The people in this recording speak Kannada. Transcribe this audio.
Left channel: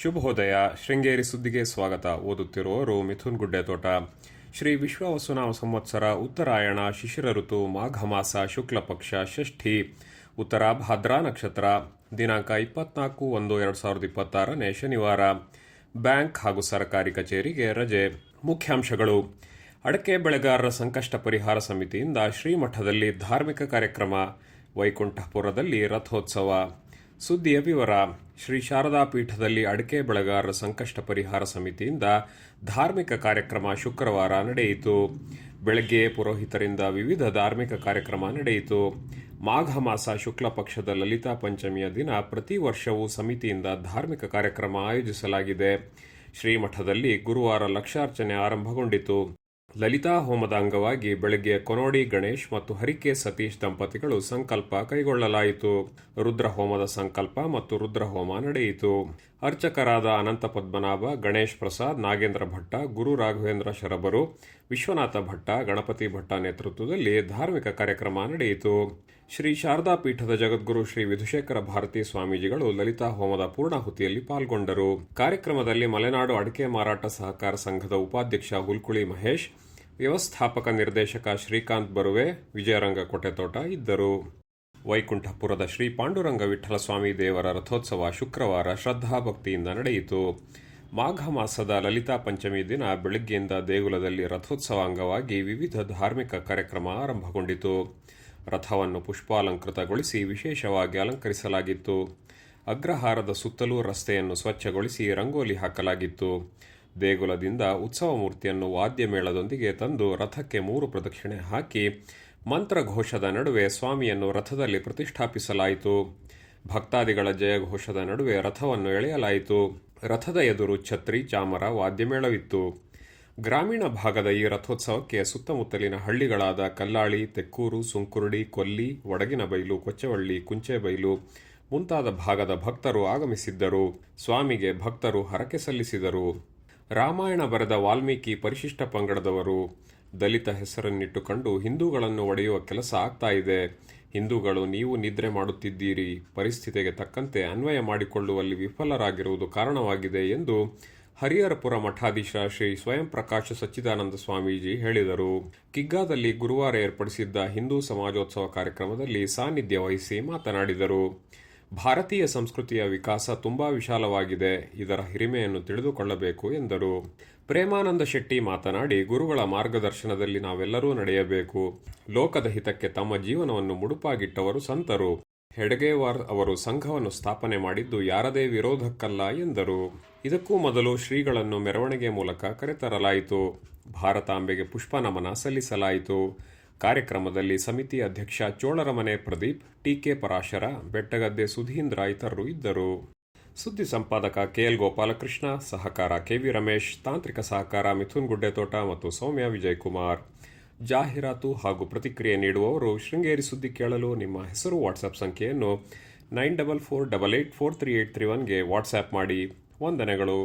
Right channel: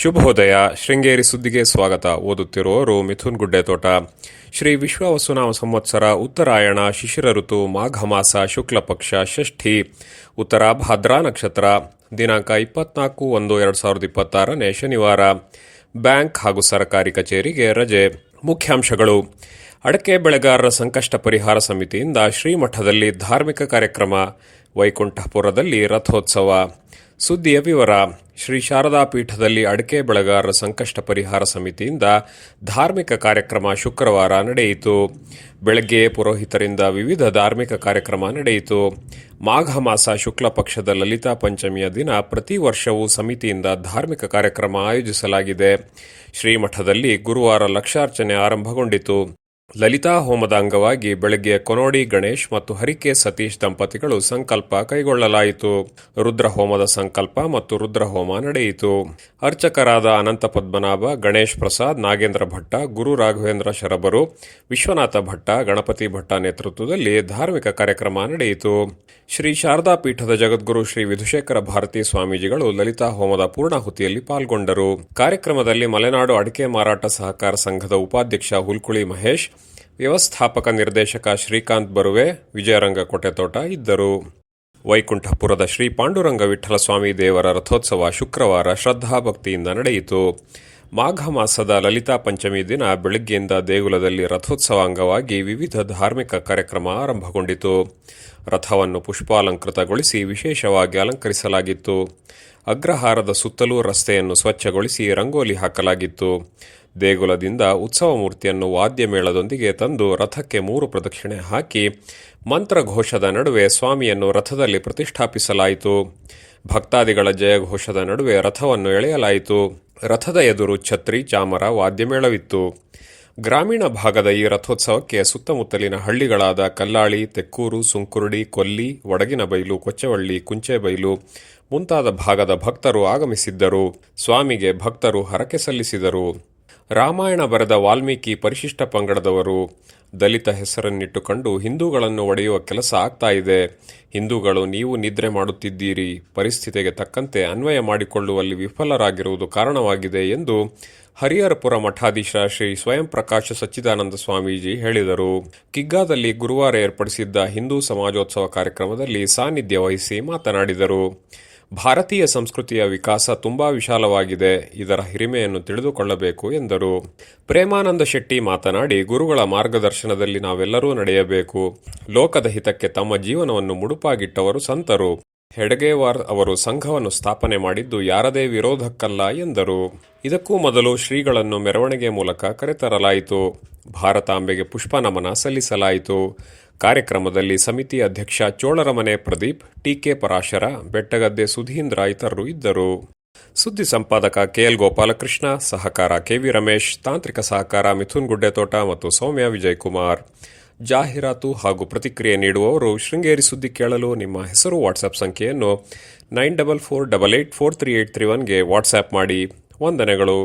ಶುಭೋದಯ. ಶೃಂಗೇರಿ ಸುದ್ದಿಗೆ ಸ್ವಾಗತ. ಓದುತ್ತಿರುವವರು ಮಿಥುನ್ ಗುಡ್ಡೆತೋಟ. ಶ್ರೀ ವಿಶ್ವಾವಸುನಾಮ ಸಂವತ್ಸರ ಉತ್ತರಾಯಣ ಶಿಶಿರ ಋತು ಮಾಘ ಮಾಸ ಶುಕ್ಲ ಪಕ್ಷ ಷಷ್ಠಿ ಉತ್ತರ ಭಾದ್ರಾ ನಕ್ಷತ್ರ ದಿನಾಂಕ 24/1/2026 ಶನಿವಾರ. ಬ್ಯಾಂಕ್ ಹಾಗೂ ಸರ್ಕಾರಿ ಕಚೇರಿಗೆ ರಜೆ. ಮುಖ್ಯಾಂಶಗಳು: ಅಡಕೆ ಬೆಳೆಗಾರರ ಸಂಕಷ್ಟ ಪರಿಹಾರ ಸಮಿತಿಯಿಂದ ಶ್ರೀಮಠದಲ್ಲಿ ಧಾರ್ಮಿಕ ಕಾರ್ಯಕ್ರಮ, ವೈಕುಂಠಪುರದಲ್ಲಿ ರಥೋತ್ಸವ. ಸುದ್ದಿಯ ವಿವರ: ಶ್ರೀ ಶಾರದಾ ಪೀಠದಲ್ಲಿ ಅಡಕೆ ಬೆಳೆಗಾರರ ಸಂಕಷ್ಟ ಪರಿಹಾರ ಸಮಿತಿಯಿಂದ ಧಾರ್ಮಿಕ ಕಾರ್ಯಕ್ರಮ ಶುಕ್ರವಾರ ನಡೆಯಿತು. ಬೆಳಗ್ಗೆ ಪುರೋಹಿತರಿಂದ ವಿವಿಧ ಧಾರ್ಮಿಕ ಕಾರ್ಯಕ್ರಮ ನಡೆಯಿತು. ಮಾಘ ಮಾಸ ಶುಕ್ಲ ಪಕ್ಷದ ಲಲಿತಾ ಪಂಚಮಿಯ ದಿನ ಪ್ರತಿ ವರ್ಷವೂ ಸಮಿತಿಯಿಂದ ಧಾರ್ಮಿಕ ಕಾರ್ಯಕ್ರಮ ಆಯೋಜಿಸಲಾಗಿದೆ. ಶ್ರೀಮಠದಲ್ಲಿ ಗುರುವಾರ ಲಕ್ಷಾರ್ಚನೆ ಆರಂಭಗೊಂಡಿತು. ಲಲಿತಾ ಹೋಮದ ಅಂಗವಾಗಿ ಬೆಳಗ್ಗೆ ಕೊನೋಡಿ ಗಣೇಶ್ ಮತ್ತು ಹರಿಕೆ ಸತೀಶ್ ದಂಪತಿಗಳು ಸಂಕಲ್ಪ ಕೈಗೊಳ್ಳಲಾಯಿತು. ರುದ್ರಹೋಮದ ಸಂಕಲ್ಪ ಮತ್ತು ರುದ್ರಹೋಮ ನಡೆಯಿತು. ಅರ್ಚಕರಾದ ಅನಂತ ಪದ್ಮನಾಭ, ಗಣೇಶ್ ಪ್ರಸಾದ್, ನಾಗೇಂದ್ರ ಭಟ್ಟ, ಗುರು ರಾಘವೇಂದ್ರ ಶರಬರು, ವಿಶ್ವನಾಥ ಭಟ್ಟ, ಗಣಪತಿ ಭಟ್ಟ ನೇತೃತ್ವದಲ್ಲಿ ಧಾರ್ಮಿಕ ಕಾರ್ಯಕ್ರಮ ನಡೆಯಿತು. ಶ್ರೀ ಶಾರದಾ ಪೀಠದ ಜಗದ್ಗುರು ಶ್ರೀ ವಿಧುಶೇಖರ ಭಾರತೀ ಸ್ವಾಮೀಜಿಗಳು ಲಲಿತಾ ಹೋಮದ ಪೂರ್ಣಾಹುತಿಯಲ್ಲಿ ಪಾಲ್ಗೊಂಡರು. ಕಾರ್ಯಕ್ರಮದಲ್ಲಿ ಮಲೆನಾಡು ಅಡಿಕೆ ಮಾರಾಟ ಸಹಕಾರ ಸಂಘದ ಉಪಾಧ್ಯಕ್ಷ ಹುಲ್ಕುಳಿ ಮಹೇಶ್, ವ್ಯವಸ್ಥಾಪಕ ನಿರ್ದೇಶಕ ಶ್ರೀಕಾಂತ್ ಬರುವೆ, ವಿಜಯರಂಗ ಕೊಟೆತೋಟ ಇದ್ದರು. ವೈಕುಂಠಪುರದ ಶ್ರೀ ಪಾಂಡುರಂಗ ವಿಠಲ ಸ್ವಾಮಿ ದೇವರ ರಥೋತ್ಸವ ಶುಕ್ರವಾರ ಶ್ರದ್ಧಾಭಕ್ತಿಯಿಂದ ನಡೆಯಿತು. ಮಾಘ ಮಾಸದ ಲಲಿತಾ ಪಂಚಮಿ ದಿನ ಬೆಳಗ್ಗೆಯಿಂದ ದೇಗುಲದಲ್ಲಿ ರಥೋತ್ಸವ ಅಂಗವಾಗಿ ವಿವಿಧ ಧಾರ್ಮಿಕ ಕಾರ್ಯಕ್ರಮ ಆರಂಭಗೊಂಡಿತು. ರಥವನ್ನು ಪುಷ್ಪಾಲಂಕೃತಗೊಳಿಸಿ ವಿಶೇಷವಾಗಿ ಅಲಂಕರಿಸಲಾಗಿತ್ತು. ಅಗ್ರಹಾರದ ಸುತ್ತಲೂ ರಸ್ತೆಯನ್ನು ಸ್ವಚ್ಛಗೊಳಿಸಿ ರಂಗೋಲಿ ಹಾಕಲಾಗಿತ್ತು. ದೇಗುಲದಿಂದ ಉತ್ಸವ ಮೂರ್ತಿಯನ್ನು ವಾದ್ಯ ಮೇಳದೊಂದಿಗೆ ತಂದು ರಥಕ್ಕೆ 3 ಪ್ರದಕ್ಷಿಣೆ ಹಾಕಿ ಮಂತ್ರಘೋಷದ ನಡುವೆ ಸ್ವಾಮಿಯನ್ನು ರಥದಲ್ಲಿ ಪ್ರತಿಷ್ಠಾಪಿಸಲಾಯಿತು. ಭಕ್ತಾದಿಗಳ ಜಯಘೋಷದ ನಡುವೆ ರಥವನ್ನು ಎಳೆಯಲಾಯಿತು. ರಥದ ಎದುರು ಛತ್ರಿ, ಚಾಮರ, ವಾದ್ಯಮೇಳವಿತ್ತು. ಗ್ರಾಮೀಣ ಭಾಗದ ಈ ರಥೋತ್ಸವಕ್ಕೆ ಸುತ್ತಮುತ್ತಲಿನ ಹಳ್ಳಿಗಳಾದ ಕಲ್ಲಾಳಿ, ತೆಕ್ಕೂರು, ಸುಂಕುರುಡಿ, ಕೊಲ್ಲಿ, ವಡಗಿನಬೈಲು, ಕೊಚ್ಚವಳ್ಳಿ, ಕುಂಚೆಬೈಲು ಮುಂತಾದ ಭಾಗದ ಭಕ್ತರು ಆಗಮಿಸಿದ್ದರು. ಸ್ವಾಮಿಗೆ ಭಕ್ತರು ಹರಕೆ ಸಲ್ಲಿಸಿದರು. ರಾಮಾಯಣ ಬರೆದ ವಾಲ್ಮೀಕಿ ಪರಿಶಿಷ್ಟ ಪಂಗಡದವರು. ದಲಿತ ಹೆಸರನ್ನಿಟ್ಟುಕೊಂಡು ಹಿಂದೂಗಳನ್ನು ಒಡೆಯುವ ಕೆಲಸ ಆಗ್ತಾ ಇದೆ. ಹಿಂದೂಗಳು ನೀವು ನಿದ್ರೆ ಮಾಡುತ್ತಿದ್ದೀರಿ, ಪರಿಸ್ಥಿತಿಗೆ ತಕ್ಕಂತೆ ಅನ್ವಯ ಮಾಡಿಕೊಳ್ಳುವಲ್ಲಿ ವಿಫಲರಾಗಿರುವುದು ಕಾರಣವಾಗಿದೆ ಎಂದು ಹರಿಹರಪುರ ಮಠಾಧೀಶ ಶ್ರೀ ಸ್ವಯಂ ಪ್ರಕಾಶ ಸಚ್ಚಿದಾನಂದ ಸ್ವಾಮೀಜಿ ಹೇಳಿದರು. ಕಿಗ್ಗಾದಲ್ಲಿ ಗುರುವಾರ ಏರ್ಪಡಿಸಿದ್ದ ಹಿಂದೂ ಸಮಾಜೋತ್ಸವ ಕಾರ್ಯಕ್ರಮದಲ್ಲಿ ಸಾನ್ನಿಧ್ಯ ವಹಿಸಿ ಮಾತನಾಡಿದರು. ಭಾರತೀಯ ಸಂಸ್ಕೃತಿಯ ವಿಕಾಸ ತುಂಬಾ ವಿಶಾಲವಾಗಿದೆ, ಇದರ ಹಿರಿಮೆಯನ್ನು ತಿಳಿದುಕೊಳ್ಳಬೇಕು ಎಂದರು. ಪ್ರೇಮಾನಂದ ಶೆಟ್ಟಿ ಮಾತನಾಡಿ, ಗುರುಗಳ ಮಾರ್ಗದರ್ಶನದಲ್ಲಿ ನಾವೆಲ್ಲರೂ ನಡೆಯಬೇಕು. ಲೋಕದ ಹಿತಕ್ಕೆ ತಮ್ಮ ಜೀವನವನ್ನು ಮುಡುಪಾಗಿಟ್ಟವರು ಸಂತರು. ಹೆಡಗೇವಾರ್ ಅವರು ಸಂಘವನ್ನು ಸ್ಥಾಪನೆ ಮಾಡಿದ್ದು ಯಾರದೇ ವಿರೋಧಕ್ಕಲ್ಲ ಎಂದರು. ಇದಕ್ಕೂ ಮೊದಲು ಶ್ರೀಗಳನ್ನು ಮೆರವಣಿಗೆ ಮೂಲಕ ಕರೆತರಲಾಯಿತು. ಭಾರತಾಂಬೆಗೆ ಪುಷ್ಪ ನಮನ ಸಲ್ಲಿಸಲಾಯಿತು. ಕಾರ್ಯಕ್ರಮದಲ್ಲಿ ಸಮಿತಿ ಅಧ್ಯಕ್ಷ ಚೋಳರಮನೆ ಪ್ರದೀಪ್, ಟಿಕೆ ಪರಾಶರ, ಬೆಟ್ಟಗದ್ದೆ ಸುಧೀಂದ್ರ ಇತರರು ಇದ್ದರು. ಸುದ್ದಿ ಸಂಪಾದಕ ಕೆಎಲ್ ಗೋಪಾಲಕೃಷ್ಣ, ಸಹಕಾರ ಕೆವಿ ರಮೇಶ್, ತಾಂತ್ರಿಕ ಸಹಕಾರ ಮಿಥುನ್ ಗುಡ್ಡೆತೋಟ ಮತ್ತು ಸೌಮ್ಯ ವಿಜಯಕುಮಾರ್. ಜಾಹೀರಾತು ಹಾಗೂ ಪ್ರತಿಕ್ರಿಯೆ ನೀಡುವವರು ಶೃಂಗೇರಿ ಸುದ್ದಿ ಕೇಳಲು ನಿಮ್ಮ ಹೆಸರು ವಾಟ್ಸ್ಆಪ್ ಸಂಖ್ಯೆಯನ್ನು 9448843831ಗೆ ವಾಟ್ಸ್ಆ್ಯಪ್ ಮಾಡಿ. ವಂದನೆಗಳು.